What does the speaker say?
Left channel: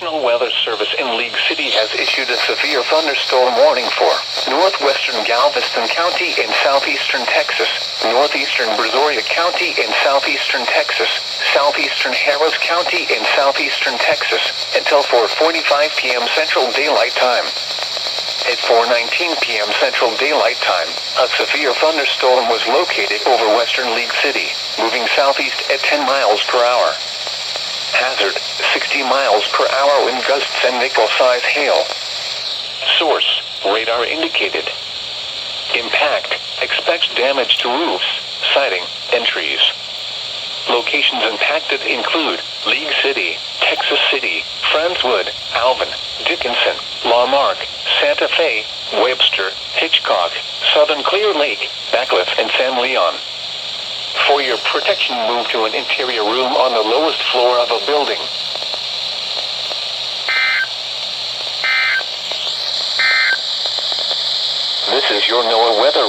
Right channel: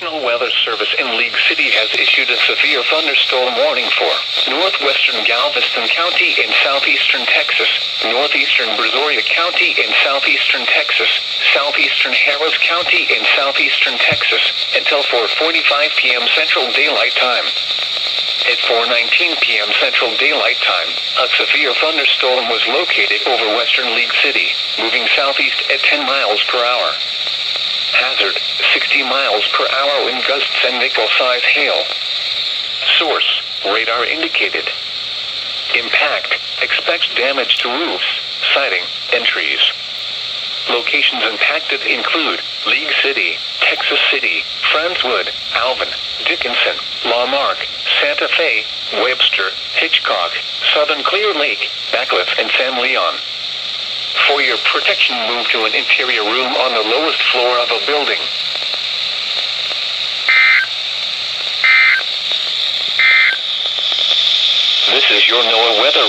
National Weather Service in League City has issued a severe thunderstorm warning for northwestern Galveston County in southeastern Texas, northeastern Brazoria County in southeastern Texas, southeastern Harris County in southeastern Texas, until 4:45 p.m. Central Daylight Time. At 4:19 p.m. Central Daylight Time, a severe thunderstorm was located over western League City, moving southeast at 10 miles per hour. Hazard, 60 miles per hour wind gusts and nickel-size hail. Source, radar indicated. Impact, expects damage to roofs, siding, and trees. Locations impacted include League City, Texas City, Friendswood, Alvin, Dickinson, Lamarck, Santa Fe, Webster, Hitchcock, Southern Clear Lake, Backcliff, and San Leon. For your protection, move to an interior room on the lowest floor of a building. This is your NOAA weather